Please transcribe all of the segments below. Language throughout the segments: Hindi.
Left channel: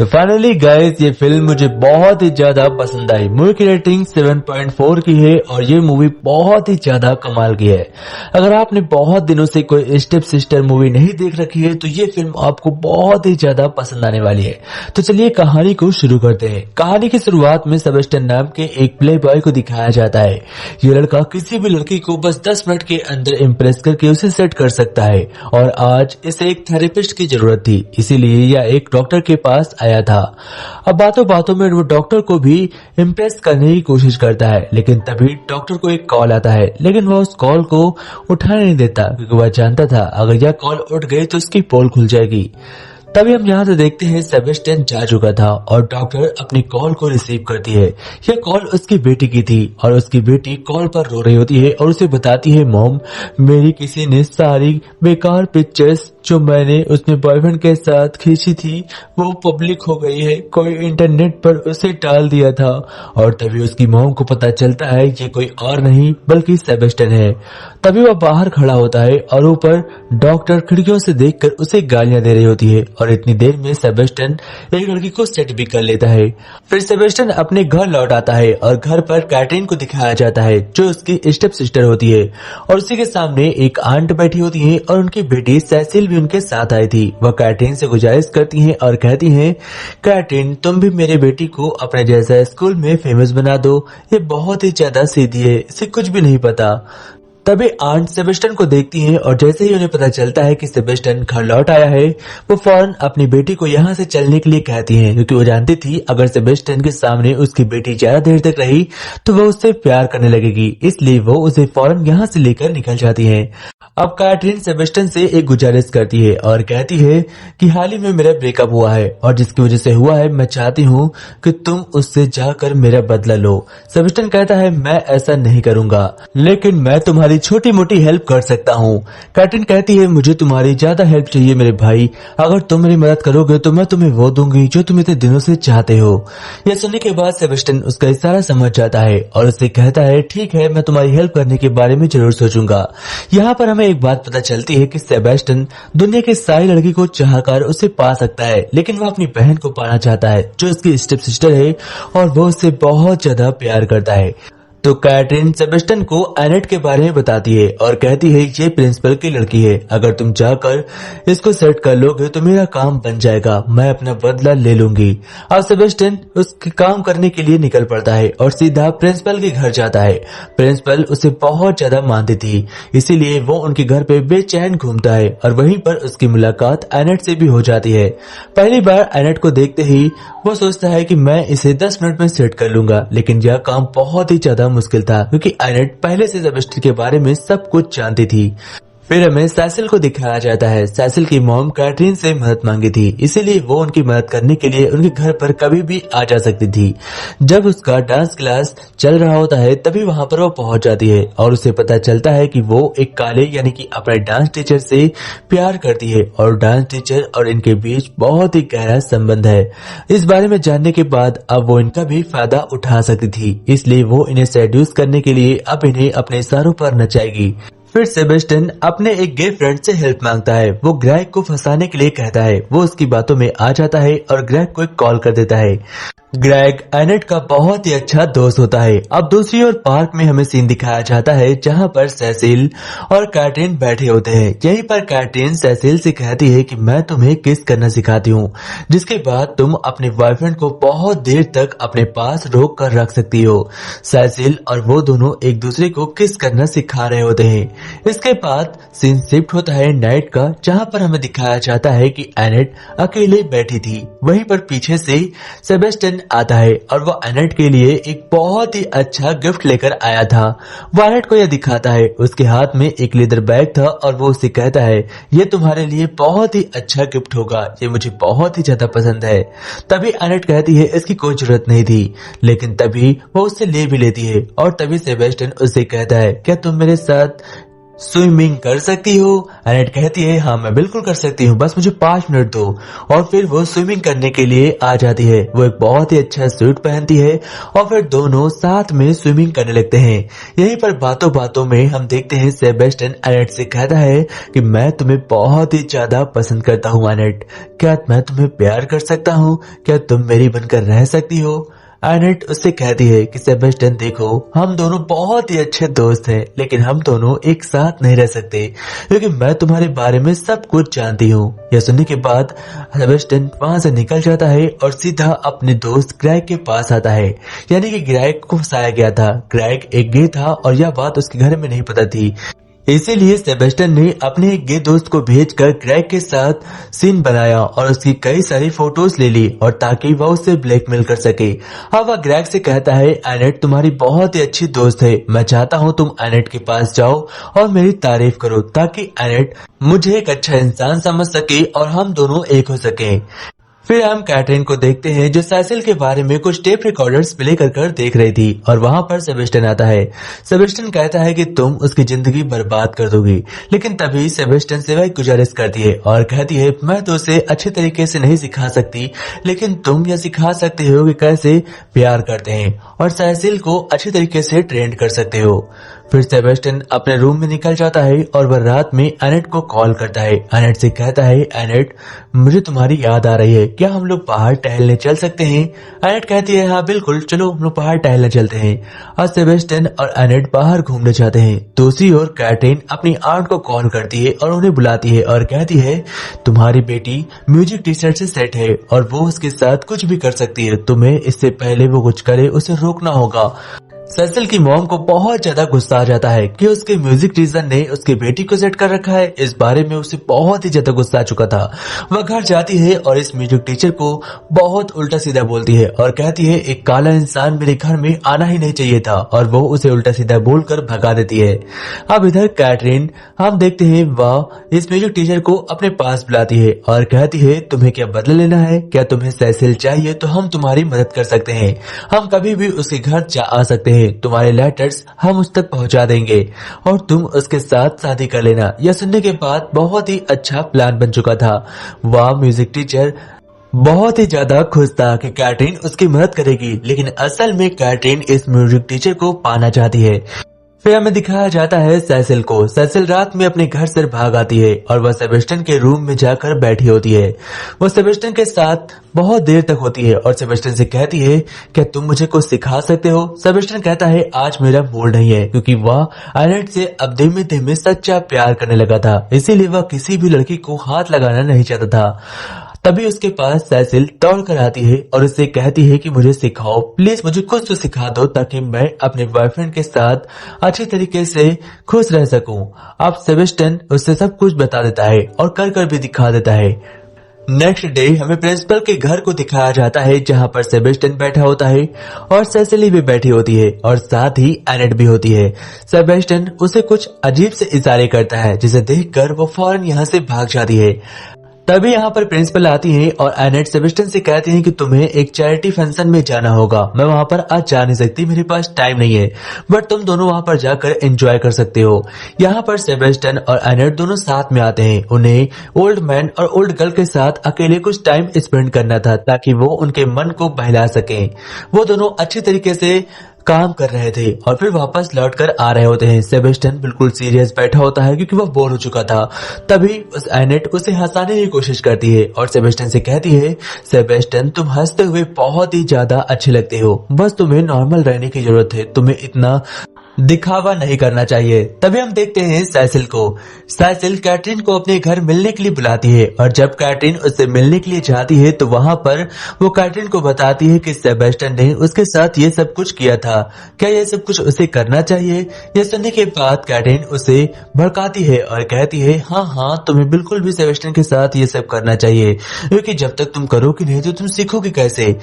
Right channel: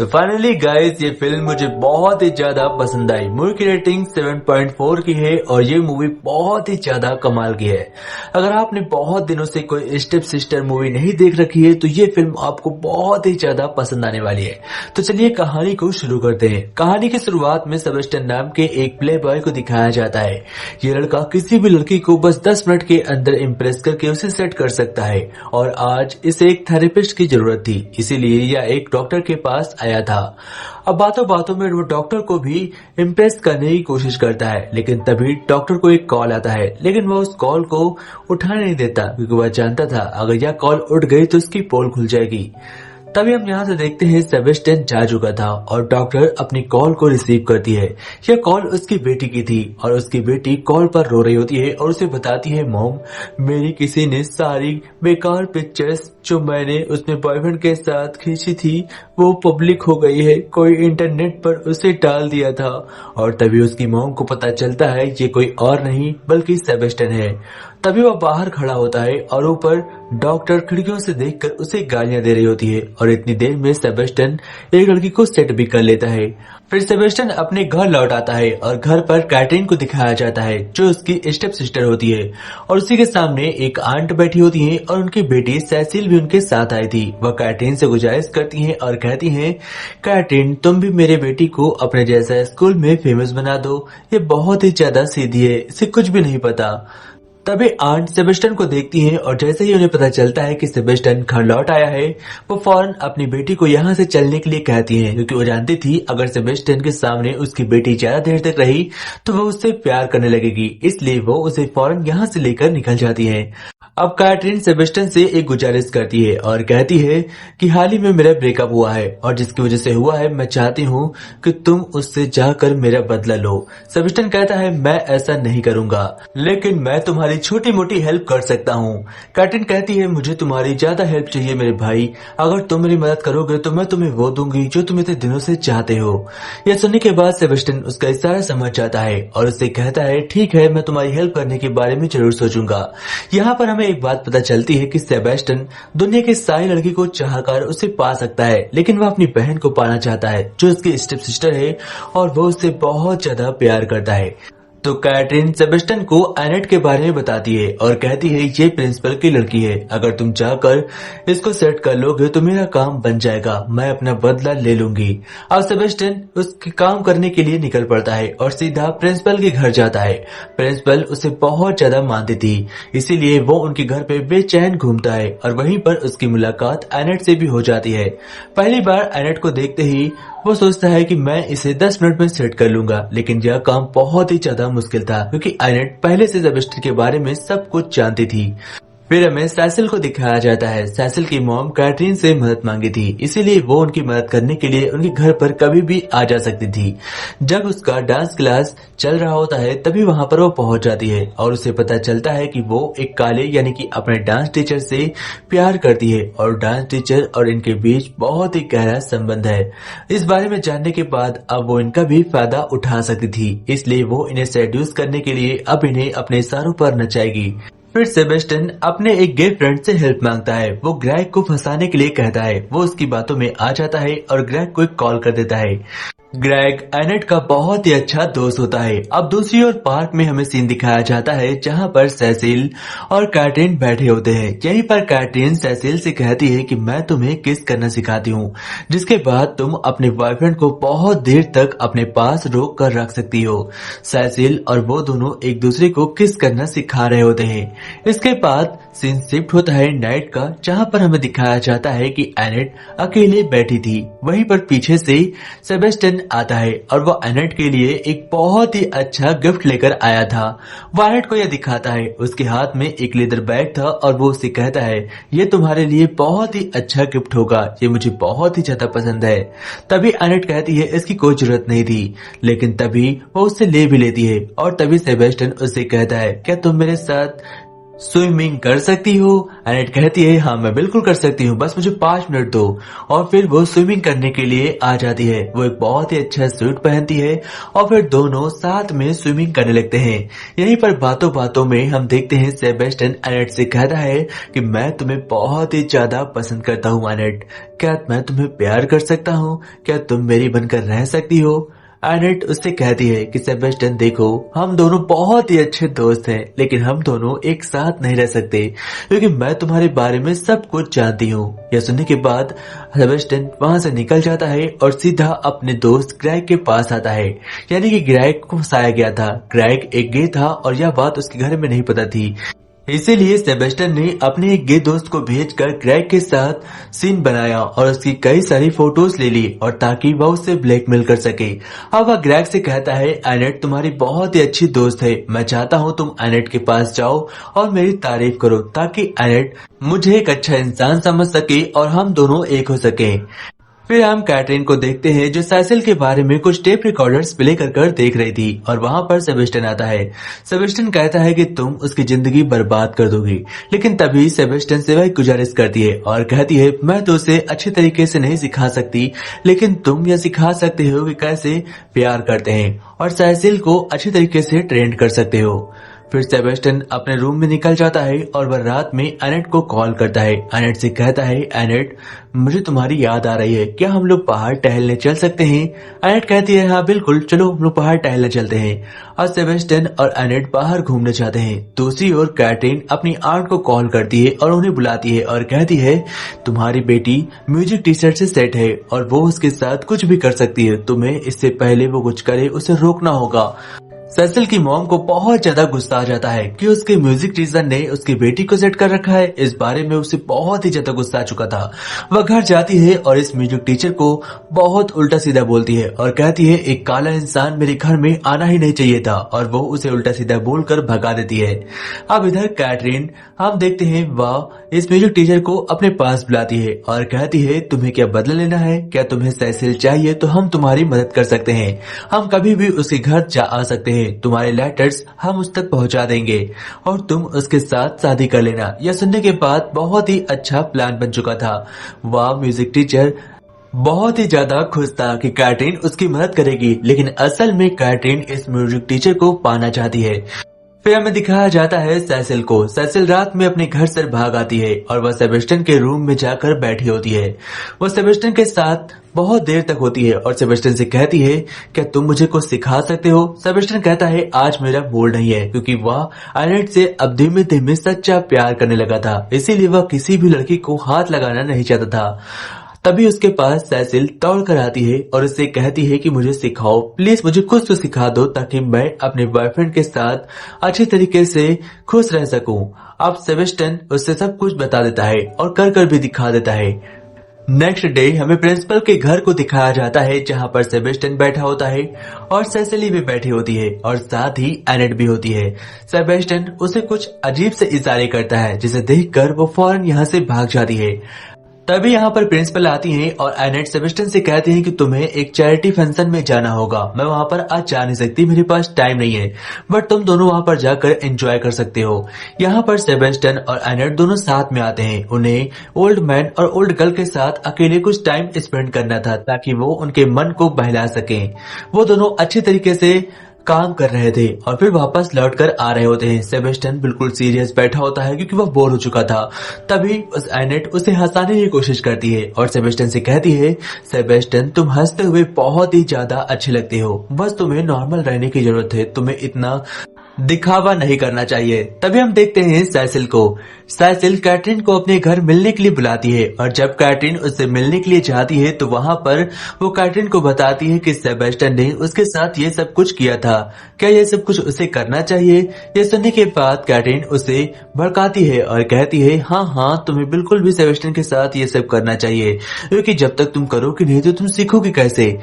तो फाइनली गाइस ये फिल्म मुझे बहुत ही ज्यादा पसंद आई। मूवी की रेटिंग 7.4 की है और ये मूवी बहुत ही ज्यादा कमाल की है। अगर आपने बहुत दिनों से कोई स्टेप सिस्टर मूवी नहीं देख रखी है तो ये फिल्म आपको बहुत ही ज्यादा पसंद आने वाली है। तो चलिए कहानी को शुरू करते हैं। कहानी की शुरुआत में सेबेस्टियन नाम के एक प्ले बॉय को दिखाया जाता है। ये लड़का किसी भी लड़की को बस 10 मिनट के अंदर इम्प्रेस करके उसे सेट कर सकता है और आज इसे एक थेरेपिस्ट की जरूरत थी, इसीलिए यह एक डॉक्टर के पास आया था। अब बातों बातों में वो डॉक्टर को भी इम्प्रेस करने की कोशिश करता है, लेकिन तभी डॉक्टर को एक कॉल आता है, लेकिन वो उस कॉल को उठाने नहीं देता क्योंकि वह जानता था अगर यह कॉल उठ गई तो उसकी पोल खुल जाएगी। तभी हम यहाँ से देखते हैं सेबेस्टियन जा चुका था और डॉक्टर अपनी कॉल को रिसीव करती है। यह कॉल उसकी बेटी की थी और उसकी बेटी कॉल पर रो रही होती है और उसे बताती है, मॉम मेरी किसी ने सारी बेकार पिक्चर्स जो मैंने उसने बॉयफ्रेंड के साथ खींची थी वो पब्लिक हो गई है, कोई इंटरनेट पर उसे डाल दिया था। और तभी उसकी मॉम को पता चलता है ये कोई और नहीं बल्कि सेबेस्टियन है। तभी वह बाहर खड़ा होता है और ऊपर डॉक्टर खिड़कियों से देखकर उसे गालियां दे रही होती है और इतनी देर में सेबेस्टियन एक लड़की को सेट भी कर लेता है। फिर सेबेस्टियन अपने घर लौट आता है और घर पर कैटरीन को दिखाया जाता है जो उसकी स्टेप सिस्टर होती है और उसी के सामने एक आंट बैठी होती है और उनकी बेटी सैसिल भी उनके साथ आई थी। वह कैटरीन से गुजारिश करती है और कहती है, कैटरीन तुम भी मेरे बेटी को अपने जैसा स्कूल में फेमस बना दो, ये बहुत ही ज्यादा सीधी है, इसे कुछ भी नहीं पता। तभी आंट सेबेस्टियन को देखती है और जैसे ही उन्हें पता चलता है कि सेबेस्टियन घर लौट आया है वो फौरन अपनी बेटी को यहाँ से चलने के लिए कहती है, क्योंकि वो जानती थी अगर सेबेस्टियन के सामने उसकी बेटी ज्यादा देर तक रही तो वो उससे प्यार करने लगेगी, इसलिए वो उसे फौरन यहाँ से लेकर निकल जाती है। अब कैटरीन सेबेस्टियन से एक गुजारिश करती है और कहती है कि हाल ही में मेरा ब्रेकअप हुआ है और जिसकी वजह से हुआ है मैं चाहती हूँ कि तुम उससे जाकर मेरा बदला लो। सेबेस्टियन कहता है, मैं ऐसा नहीं करूंगा, लेकिन मैं तुम्हारी छोटी मोटी हेल्प कर सकता हूँ। कैटरीन कहती है, मुझे तुम्हारी ज्यादा हेल्प चाहिए मेरे भाई, अगर तुम मेरी मदद करोगे तो मैं तुम्हें वो दूंगी जो तुम इतने दिनों से चाहते हो। यह सुनने के बाद सेबेस्टियन उसका इशारा समझ जाता है और उससे कहता है, ठीक है मैं तुम्हारी हेल्प करने के बारे में जरूर सोचूंगा। यहाँ पर हमें एक बात पता चलती है कि सेबेस्टियन दुनिया की सारी लड़की को चाहकर उसे पा सकता है, लेकिन वह अपनी बहन को पाना चाहता है जो उसकी स्टेप सिस्टर है और वो उससे बहुत ज्यादा प्यार करता है। तो कैटरीन सेबेस्टियन को एनेट के बारे में बताती है और कहती है, ये प्रिंसिपल की लड़की है, अगर तुम जाकर इसको सेट कर लोगे तो मेरा काम बन जाएगा, मैं अपना बदला ले लूंगी। अब सेबेस्टियन उसके काम करने के लिए निकल पड़ता है और सीधा प्रिंसिपल के घर जाता है। प्रिंसिपल उसे बहुत ज्यादा मानती थी, इसीलिए वो उनके घर पे बेचैन घूमता है और वहीं पर उसकी मुलाकात एनेट से भी हो जाती है। पहली बार एनेट को देखते ही वो सोचता है कि मैं इसे 10 मिनट में सेट कर लूंगा, लेकिन यह काम बहुत ही ज्यादा मुश्किल था क्योंकि एनेट पहले से सेबेस्टियन के बारे में सब कुछ जानती थी। फिर हमें सैसिल को दिखाया जाता है। सैसिल की मॉम कैटरीन से मदद मांगी थी, इसीलिए वो उनकी मदद करने के लिए उनके घर पर कभी भी आ जा सकती थी। जब उसका डांस क्लास चल रहा होता है तभी वहाँ पर वो पहुंच जाती है और उसे पता चलता है कि वो एक काले यानी कि अपने डांस टीचर से प्यार करती है और डांस टीचर और इनके बीच बहुत ही गहरा संबंध है। इस बारे में जानने के बाद अब वो इनका भी फायदा उठा सकती थी, इसलिए वो इन्हें सेड्यूस करने के लिए अब इन्हें अपने इशारों पर नचाएगी। फिर सेबेस्टियन अपने एक गे फ्रेंड से हेल्प मांगता है। वो ग्रेग को फंसाने के लिए कहता है। वो उसकी बातों में आ जाता है और ग्रेग को एक कॉल कर देता है। ग्रेग एनेट का बहुत ही अच्छा दोस्त होता है। अब दूसरी ओर पार्क में हमें सीन दिखाया जाता है जहां पर सैसिल और कैटरीन बैठे होते हैं। यहीं पर कैटरीन सैसिल से कहती है कि मैं तुम्हें किस करना सिखाती हूँ, जिसके बाद तुम अपने बॉयफ्रेंड को बहुत देर तक अपने पास रोक कर रख सकती हो। सैसिल और वो दोनों एक दूसरे को किस करना सिखा रहे होते हैं। इसके बाद सीन शिफ्ट होता है नाइट का, जहाँ पर हमें दिखाया जाता है कि एनेट अकेले बैठी थी। वहीं पर पीछे से सेबेस्टियन आता है और वो एनेट के लिए एक बहुत ही अच्छा गिफ्ट लेकर आया था। वो एनेट को यह दिखाता है, उसके हाथ में एक लेदर बैग था और वो उसे कहता है, ये तुम्हारे लिए बहुत ही अच्छा गिफ्ट होगा, ये मुझे बहुत ही ज्यादा पसंद है। तभी एनेट कहती है इसकी कोई जरूरत नहीं थी, लेकिन तभी वो उससे ले भी लेती है और तभी सेबेस्टियन उससे कहता है, क्या तुम मेरे साथ स्विमिंग कर सकती हो? एनेट कहती है हाँ मैं बिल्कुल कर सकती हूँ, बस मुझे 5 मिनट दो। और फिर वो स्विमिंग करने के लिए आ जाती है। वो एक बहुत ही अच्छा सूट पहनती है और फिर दोनों साथ में स्विमिंग करने लगते हैं। यहीं पर बातों बातों में हम देखते हैं सेबेस्टियन एनेट से कहता है कि मैं तुम्हें बहुत ही ज्यादा पसंद करता हूँ एनेट, क्या मैं तुम्हें प्यार कर सकता हूँ? क्या तुम मेरी बनकर रह सकती हो? एनेट उससे कहती है कि सेबेस्टियन देखो, हम दोनों बहुत ही अच्छे दोस्त हैं, लेकिन हम दोनों एक साथ नहीं रह सकते क्योंकि मैं तुम्हारे बारे में सब कुछ जानती हूँ। यह सुनने के बाद सेबेस्टियन वहां से निकल जाता है और सीधा अपने दोस्त ग्रेग के पास आता है। यानी कि ग्रेग को फंसाया गया था। ग्रेग एक गे था और यह बात उसके घर में नहीं पता थी। इसीलिए सेबेस्टियन ने अपने एक गे दोस्त को भेजकर ग्रेग के साथ सीन बनाया और उसकी कई सारी फोटोज ले ली और ताकि वह उससे ब्लैकमेल कर सके। अब वह ग्रेग से कहता है एनेट तुम्हारी बहुत ही अच्छी दोस्त है, मैं चाहता हूँ तुम एनेट के पास जाओ और मेरी तारीफ करो ताकि एनेट मुझे एक अच्छा इंसान समझ सके और हम दोनों एक हो सके। फिर हम कैटरीन को देखते हैं जो सैसिल के बारे में कुछ टेप रिकॉर्डर्स प्ले कर देख रही थी और वहां पर सेबेस्टियन आता है। सेबेस्टियन कहता है कि तुम उसकी जिंदगी बर्बाद कर दोगी, लेकिन तभी सेबेस्टियन से वह गुजारिश करती है और कहती है मैं तो उसे अच्छे तरीके से नहीं सिखा सकती, लेकिन तुम यह सिखा सकते हो कि कैसे प्यार करते हैं और सैसिल को अच्छे तरीके से ट्रेन कर सकते हो। फिर सेबेस्टियन अपने रूम में निकल जाता है और वह रात में एनेट को कॉल करता है। एनेट से कहता है एनेट मुझे तुम्हारी याद आ रही है, क्या हम लोग बाहर टहलने चल सकते हैं? एनेट कहती है हाँ बिल्कुल, चलो हम लोग बाहर टहलने चलते हैं। और सेबेस्टियन और एनेट बाहर घूमने जाते हैं। दूसरी ओर कैटरीन अपनी आंट को कॉल करती है और उन्हें बुलाती है और कहती है तुम्हारी बेटी म्यूजिक टीचर से सेट है और वो उसके साथ कुछ भी कर सकती है, तुम्हें इससे पहले वो कुछ करे उसे रोकना होगा। सैसिल की मॉम को बहुत ज्यादा गुस्सा आ जाता है कि उसके म्यूजिक टीचर ने उसकी बेटी को सेट कर रखा है। इस बारे में उसे बहुत ही ज्यादा गुस्सा आ चुका था। वह घर जाती है और इस म्यूजिक टीचर को बहुत उल्टा सीधा बोलती है और कहती है एक काला इंसान मेरे घर में आना ही नहीं चाहिए था, और वो उसे उल्टा सीधा बोलकर भगा देती है। अब इधर कैटरीन हम देखते हैं वह इस म्यूजिक टीचर को अपने पास बुलाती है और कहती है तुम्हें क्या बदला लेना है? क्या तुम्हें सैसिल चाहिए तो हम तुम्हारी मदद कर सकते हैं, हम कभी भी उसके घर जा आ सकते हैं, तुम्हारे लेटर्स हम उस तक पहुंचा देंगे और तुम उसके साथ शादी कर लेना। यह सुनने के बाद बहुत ही अच्छा प्लान बन चुका था। वह म्यूजिक टीचर बहुत ही ज्यादा खुश था कि कैटरीन उसकी मदद करेगी, लेकिन असल में कैटरीन इस म्यूजिक टीचर को पाना चाहती है। फिर हमें दिखाया जाता है सैसिल को। सैसिल रात में अपने घर से भाग आती है और वह सेबेस्टियन के रूम में जाकर बैठी होती है। वो सेबेस्टियन के साथ बहुत देर तक होती है और सेबेस्टियन से कहती है क्या तुम मुझे कुछ सिखा सकते हो? सेबेस्टियन कहता है आज मेरा मूड नहीं है, क्योंकि वह एनेट से अब धीमे धीमे सच्चा प्यार करने लगा था, इसीलिए वह किसी भी लड़की को हाथ लगाना नहीं चाहता था। तभी उसके पास सैसिल दौड़ कर आती है और उससे कहती है कि मुझे सिखाओ, प्लीज मुझे कुछ तो सिखा दो ताकि मैं अपने बॉयफ्रेंड के साथ अच्छी तरीके से खुश रह सकूं। अब सेबेस्टियन उससे सब कुछ बता देता है और कर भी दिखा देता है। नेक्स्ट डे हमें प्रिंसिपल के घर को दिखाया जाता है जहां पर सेबेस्टियन बैठा होता है और सैसिली भी बैठी होती है और साथ ही एनेट भी होती है। सेबेस्टियन उसे कुछ अजीब से इशारे करता है जिसे देखकर वो फौरन यहाँ से भाग जाती है। तभी यहाँ पर प्रिंसिपल आती है और एनेट सेबेस्टियन से कहती है कि तुम्हें एक चैरिटी फंक्शन में जाना होगा, मैं वहाँ पर आज जा नहीं सकती, मेरे पास टाइम नहीं है, बट तुम दोनों वहाँ पर जाकर एंजॉय कर सकते हो। यहाँ पर सेबेस्टियन और एनेट दोनों साथ में आते हैं। उन्हें ओल्ड मैन और ओल्ड गर्ल के साथ अकेले कुछ टाइम स्पेंड करना था ताकि वो उनके मन को बहला सके। वो दोनों अच्छे तरीके से काम कर रहे थे और फिर वापस लौट कर आ रहे होते हैं। सेबेस्टियन बिल्कुल सीरियस बैठा होता है क्योंकि वह बोर हो चुका था। तभी एनेट उसे हंसाने की कोशिश करती है और सेबेस्टियन से कहती है सेबेस्टियन तुम हंसते हुए बहुत ही ज्यादा अच्छे लगते हो, बस तुम्हें नॉर्मल रहने की जरूरत है, तुम्हें इतना दिखावा नहीं करना चाहिए। तभी हम देखते हैं सैसिल को। सैसिल कैटरीन को अपने घर मिलने के लिए बुलाती है और जब कैटरीन उससे मिलने के लिए जाती है तो वहाँ पर वो कैटरीन को बताती है कि सेबेस्टियन ने उसके साथ ये सब कुछ किया था, क्या ये सब कुछ उसे करना चाहिए? ये सुनने के बाद कैटरीन उसे भड़काती है और कहती है हाँ तुम्हें बिल्कुल भी सेबेस्टियन के साथ ये सब करना चाहिए, क्योंकि जब तक तुम करोगे नहीं तो तुम सीखोगे कैसे?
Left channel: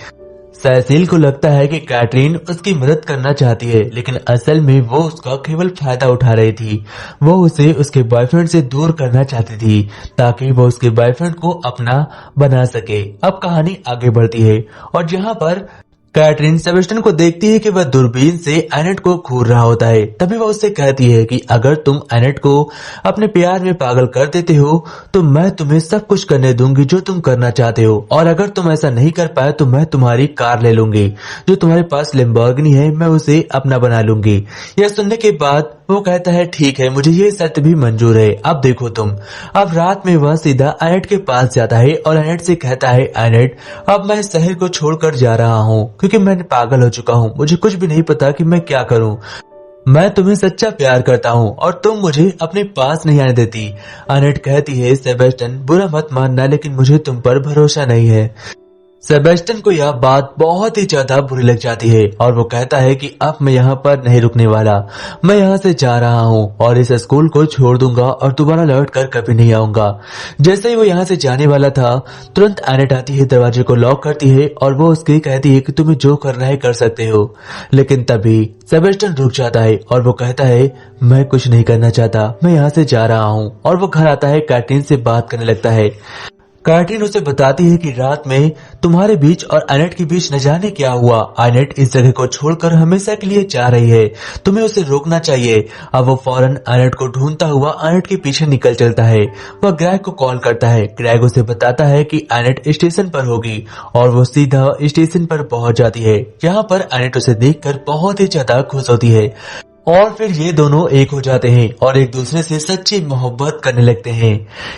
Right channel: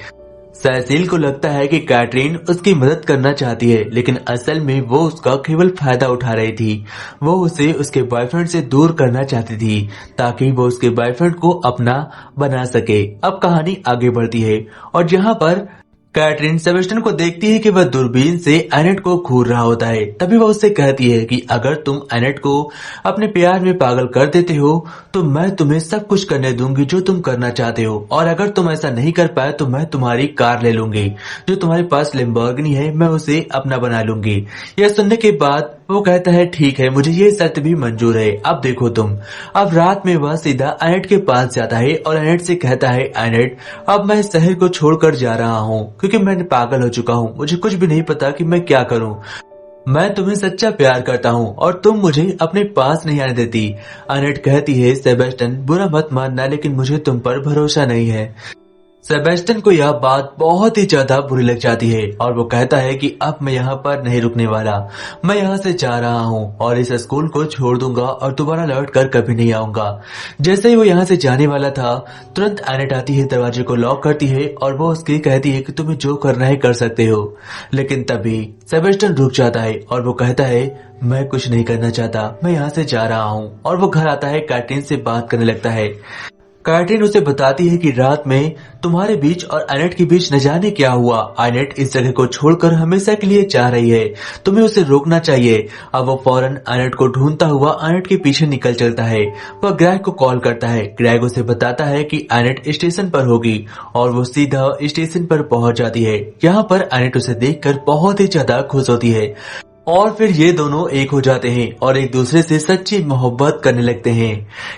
सैसिल को लगता है कि कैटरीन उसकी मदद करना चाहती है, लेकिन असल में वो उसका केवल फायदा उठा रही थी। वो उसे उसके बॉयफ्रेंड से दूर करना चाहती थी ताकि वो उसके बॉयफ्रेंड को अपना बना सके। अब कहानी आगे बढ़ती है और जहाँ पर कैटरीन सेबेस्टियन को देखती है कि वह दूरबीन से एनेट को घूर रहा होता है। तभी वह उससे कहती है कि अगर तुम एनेट को अपने प्यार में पागल कर देते हो तो मैं तुम्हें सब कुछ करने दूंगी जो तुम करना चाहते हो, और अगर तुम ऐसा नहीं कर पाए तो मैं तुम्हारी कार ले लूंगी। जो तुम्हारे पास लैम्बोर्गिनी है मैं उसे अपना बना लूंगी। यह सुनने के बाद वो कहता है ठीक है, मुझे ये शर्त भी मंजूर है। अब देखो तुम। अब रात में वह सीधा एनेट के पास जाता है और एनेट से कहता है एनेट, अब मैं शहर को छोड़कर जा रहा हूँ क्योंकि मैं पागल हो चुका हूँ। मुझे कुछ भी नहीं पता कि मैं क्या करूँ। मैं तुम्हें सच्चा प्यार करता हूँ और तुम मुझे अपने पास नहीं आने देती। एनेट कहती है सेबेस्टियन, बुरा मत मानना लेकिन मुझे तुम पर भरोसा नहीं है। सेबेस्टियन को यह बात बहुत ही ज्यादा बुरी लग जाती है और वो कहता है कि अब मैं यहाँ पर नहीं रुकने वाला। मैं यहाँ से जा रहा हूँ और इस स्कूल को छोड़ दूंगा और दोबारा लौट कर कभी नहीं आऊंगा। जैसे ही वो यहाँ से जाने वाला था तुरंत एनेट आती है, दरवाजे को लॉक करती है और वो उसके कहती है कि तुम्हें जो करना है कर सकते हो। लेकिन तभी सेबेस्टियन रुक जाता है और वो कहता है मैं कुछ नहीं करना चाहता, मैं यहाँ से जा रहा हूँ। और वो घर आता है, कैटरीन से बात करने लगता है। कैटरीन उसे बताती है कि रात में तुम्हारे बीच और एनेट के बीच न जाने क्या हुआ। एनेट इस जगह को छोड़कर हमेशा के लिए जा रही है, तुम्हें उसे रोकना चाहिए। अब वो फौरन एनेट को ढूंढता हुआ एनेट के पीछे निकल चलता है। वह ग्रेग को कॉल करता है। ग्रेग उसे बताता है कि एनेट स्टेशन पर होगी और वो सीधा स्टेशन पर पहुंच जाती है। यहाँ पर एनेट उसे देखकर बहुत ही ज्यादा खुश होती है और फिर ये दोनों एक हो जाते हैं और एक दूसरे से सच्ची मोहब्बत करने लगते हैं।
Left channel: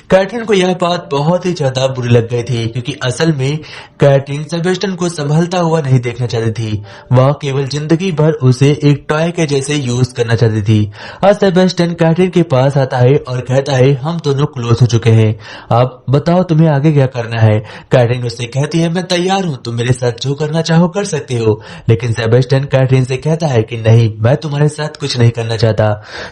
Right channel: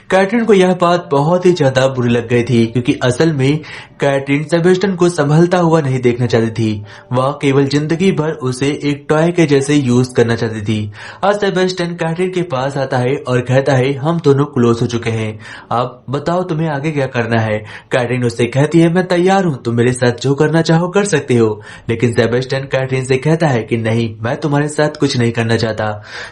कैटरीन को यह बात बहुत ही ज्यादा बुरी लग गई थी क्योंकि असल में कैटरीन सेबेस्टियन को संभलता हुआ नहीं देखना चाहती थी। वह केवल जिंदगी भर उसे एक टॉय के जैसे यूज करना चाहती थी। आज सेबेस्टियन कैटरीन के पास आता है और कहता है हम दोनों क्लोज हो चुके हैं, अब बताओ तुम्हें आगे क्या करना है। कैटरीन उससे कहती है मैं तैयार हूँ, तुम मेरे साथ जो करना चाहो कर सकते हो। लेकिन सेबेस्टियन कैटरीन से कहता है कि नहीं, मैं तुम्हारे साथ कुछ नहीं करना चाहता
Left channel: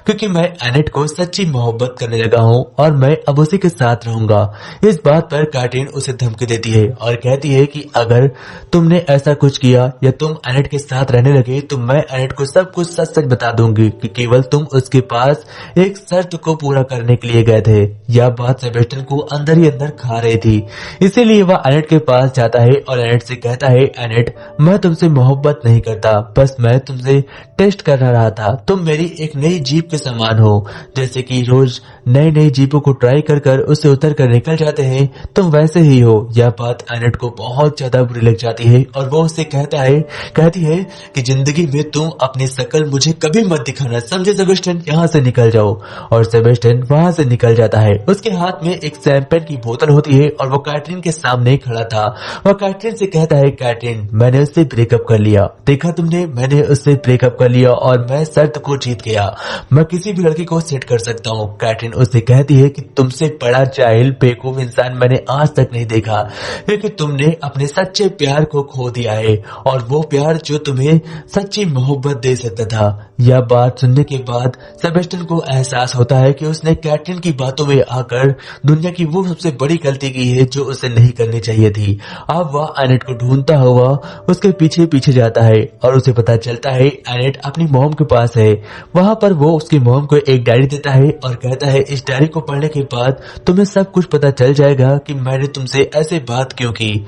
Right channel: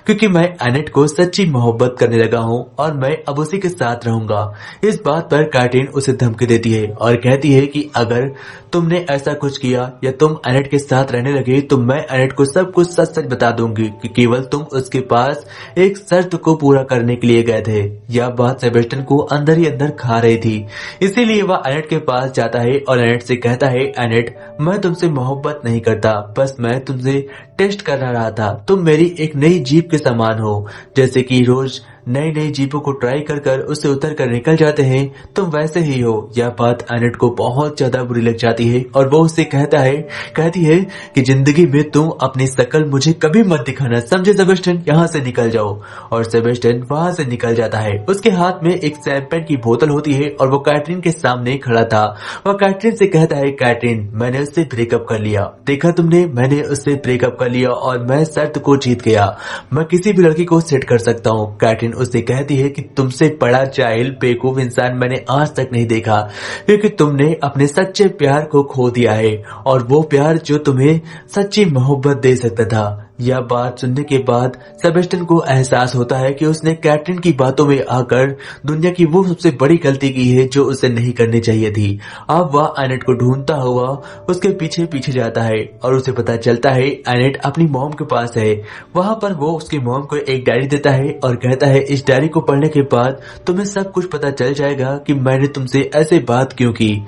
क्योंकि मैं एनेट को सच्ची मोहब्बत करने लगा हूँ और मैं अब उसी के साथ रहूंगा। इस बात पर कैटरीन उसे धमकी देती है और कहती है कि अगर तुमने ऐसा कुछ किया या तुम एनेट के साथ रहने लगे तो मैं एनेट को सब कुछ सच सच बता दूंगी कि केवल तुम उसके पास एक शर्त को पूरा करने के लिए गए थे। यह बात सेबेस्टियन को अंदर ही अंदर खा रही थी, इसीलिए वह एनेट के पास जाता है और एनेट से कहता है एनेट, मैं तुमसे मोहब्बत नहीं करता, बस मैं तुमसे टेस्ट करना रहा था। तुम मेरी एक नई जीप के समान हो, जैसे कि रोज नई नई जीपों को ट्राई कर कर उससे उतर कर निकल जाते हैं, तुम वैसे ही हो। यह बात एनेट को बहुत ज्यादा बुरी लग जाती है और वो उससे कहती है कि जिंदगी में तुम अपनी शकल मुझे कभी मत दिखाना, समझे सेबेस्टियन, यहाँ से निकल जाओ। और सेबेस्टियन वहाँ से निकल जाता है। उसके हाथ में एक शैंपेन की बोतल होती है और वो कैटरीन के सामने खड़ा था। वह कैटरीन से कहता है कैटरीन, मैंने उससे ब्रेकअप कर लिया, देखा तुमने, मैंने उससे ब्रेकअप कर लिया और मैं शर्त को जीत गया। मैं किसी भी लड़की को सेट कर सकता हूँ। कैटरीन उससे कहती है कि तुमसे बड़ा जाहिल बेवकूफ इंसान मैंने आज तक नहीं देखा, क्योंकि तुमने अपने सच्चे प्यार को खो दिया है और वो प्यार जो तुम्हें सच्ची मोहब्बत दे सकता था। यह बात सुनने के बाद सेबेस्टियन को एहसास होता है कि उसने कैटरीन की बातों में आकर दुनिया की वो सबसे बड़ी गलती की है जो उसे नहीं करनी चाहिए थी। अब वह एनेट को ढूंढता हुआ उसके पीछे पीछे जाता है और उसे पता चलता है एनेट अपनी मॉम के पास है। वहां पर वो उसकी मॉम को एक डायरी देता है और कहता है इस डायरी को पढ़ने के बाद तुम्हें सब कुछ पता चल जाएगा कि मैंने तुमसे ऐसे बात क्यों की।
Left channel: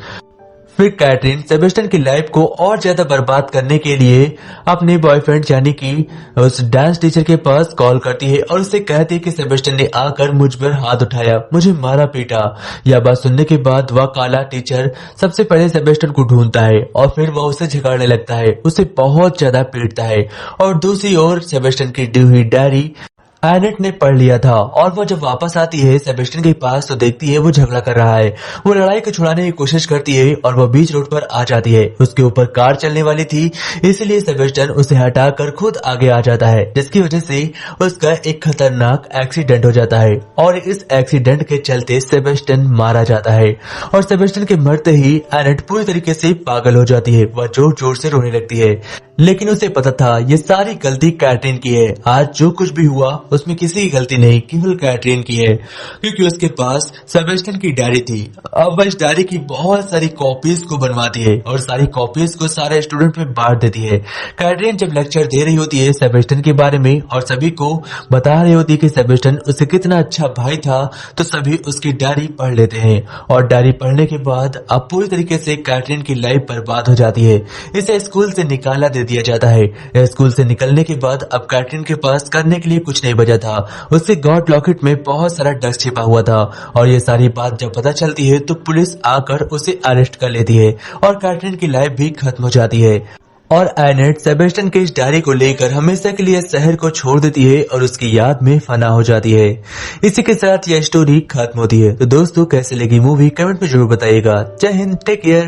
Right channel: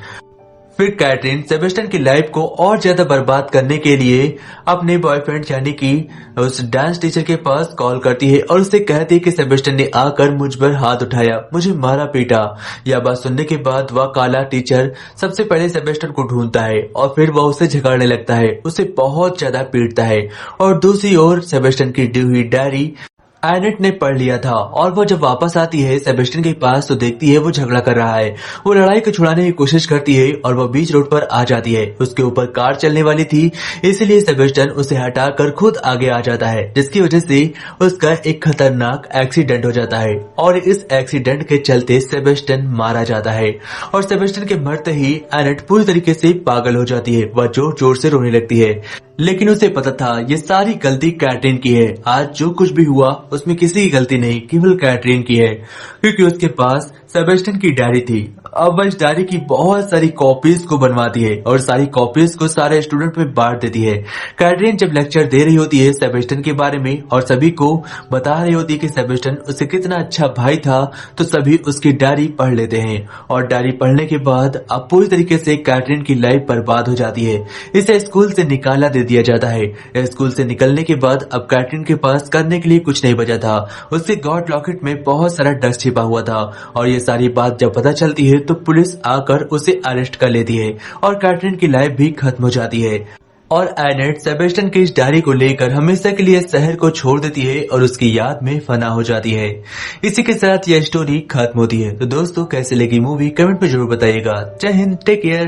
फिर कैटरीन सेबेस्टियन की लाइफ को और ज्यादा बर्बाद करने के लिए अपने बॉयफ्रेंड यानी कि उस डांस टीचर के पास कॉल करती है और उससे कहती है कि सेबेस्टियन ने आकर मुझ पर हाथ उठाया, मुझे मारा पीटा। यह बात सुनने के बाद वह काला टीचर सबसे पहले सेबेस्टियन को ढूंढता है और फिर वह उसे झगड़ने लगता है, उसे बहुत ज्यादा पीटता है। और दूसरी ओर सेबेस्टियन की दी हुई डायरी एनेट ने पढ़ लिया था और वो जब वापस आती है सेबेस्टियन के पास तो देखती है वो झगड़ा कर रहा है। वो लड़ाई को छुड़ाने की कोशिश करती है और वो बीच रोड पर आ जाती है। उसके ऊपर कार चलने वाली थी, इसलिए सेबेस्टियन उसे हटाकर खुद आगे आ जाता है, जिसकी वजह से उसका एक खतरनाक एक्सीडेंट हो जाता है और इस एक्सीडेंट के चलते सेबेस्टियन मारा जाता है। और सेबेस्टियन के मरते ही एनेट पूरी तरीके से पागल हो जाती है। वह जोर जोर से रोने लगती है, लेकिन उसे पता था ये सारी गलती कैटरीन की है। आज जो कुछ भी हुआ उसमें किसी की गलती नहीं, केवल कैटरीन की है, क्योंकि उसके पास सेबेस्टियन की डायरी थी। अब वह इस डायरी की बहुत सारी कॉपीज को बनवाती है और सारी कॉपीज को सारे स्टूडेंट में बांट देती है। कैटरीन जब लेक्चर दे रही होती है सेबेस्टियन के बारे में और सभी को बता रही होती है कि सेबेस्टियन उससे कितना अच्छा भाई था, तो सभी उसकी डायरी पढ़ लेते हैं और डायरी पढ़ने के बाद अब पूरी तरीके से कैटरीन की लाइफ बर्बाद हो जाती है। इसे स्कूल से निकाला दे दिया जाता है। स्कूल से निकलने के बाद अब कैटरीन के पास करने के लिए कुछ नहीं बचा था। उसके गॉड लॉकेट में बहुत सारा ड्रग्स छिपा हुआ था और ये सारी बात जब पता चलती है तो पुलिस आकर उसे अरेस्ट कर लेती है और कैटरीन की लाइफ भी खत्म हो जाती है। और एनेट सेबेस्टियन की इस डायरी को लेकर हमेशा के लिए शहर को छोड़ देती है और उसकी याद में फना हो जाती है। इसी के साथ यह स्टोरी खत्म होती है। तो दोस्तों कैसे लगी मूवी कमेंट में जरूर बताइएगा। जय हिंद, टेक केयर।